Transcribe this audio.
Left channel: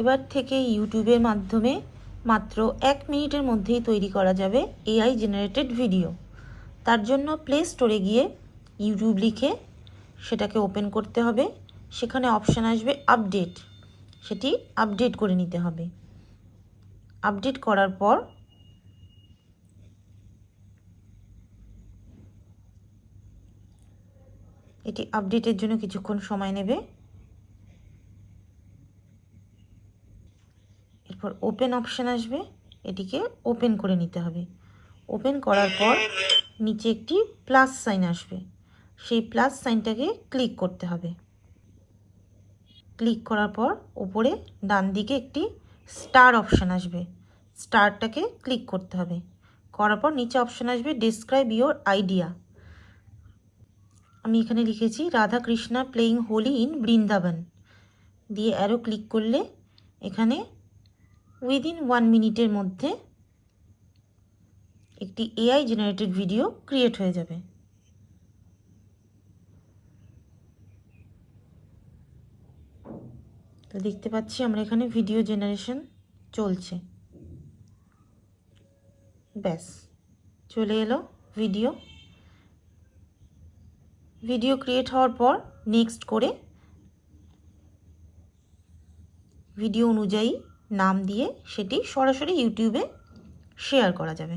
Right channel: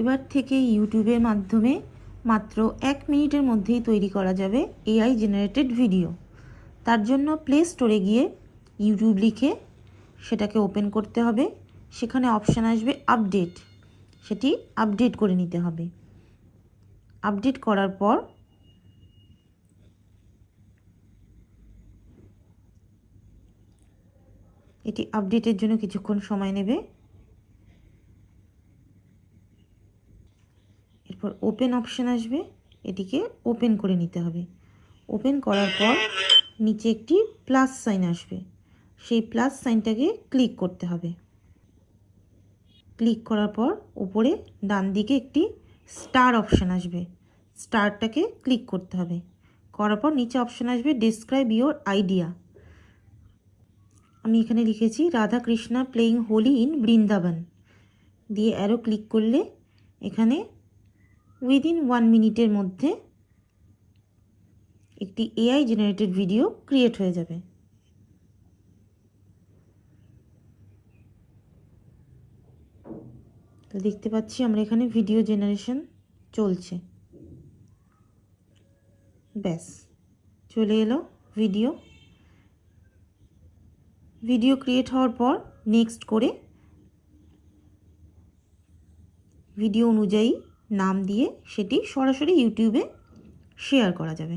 এবার থেকে ইউটিউবের মাধ্যমে মাত্র 1 মিনিটের মধ্যেই তৈরি করা যাবে এআই জেনারেটেড ভিডিও। তার জন্য প্লে স্টোরে গিয়ে ইউটিউব লিখে সেটাকে ওপেন করতে হবে। সেখানে অপশান আসবে আপডেট, সেটি আপডেট করে নিতে হবে। আপডেট করার পর এটি আপডেটের জন্য কিছুক্ষণ সময় নেবে। এরপর ওপেন অপশান আসবে, এটিকে ওপেন করে নিতে হবে। ওপেন করার পর নিচে একটি প্লাস সাইন আসবে, সেই প্লাস সাইনটাকে ক্লিক করতে হবে। ক্লিক করার পর উপরে ডান দিকে একটি স্টার অপশান আসবে, স্টারটাকে ক্লিক করতে হবে। করার পর নিচে অপশান আসবে ডেসক্রাইব ইওর আইডিয়া। আমি এখানে লিখেছি রাধা কৃষ্ণা প্লেয়িং হোলি ইন বৃন্দাবন দিয়ে অ্যারো ক্লিক করলে এখানে উইদিন 1 মিনিটের মধ্যে একটি এআই জেনারেটেড ভিডিও ক্রিয়েট হয়ে যাবে। তো দেখতে পাচ্ছি আমরা এখানে ভিডিও জেনারেশন চলছে। ব্যাস চলে এলো ভিডিও ক্রিয়েট হওয়ার পর নেক্সট করে ভিডিও অনুযায়ী নাম দিয়ে সেটি সরাসরি ইউটিউবে শেয়ার করা যাবে।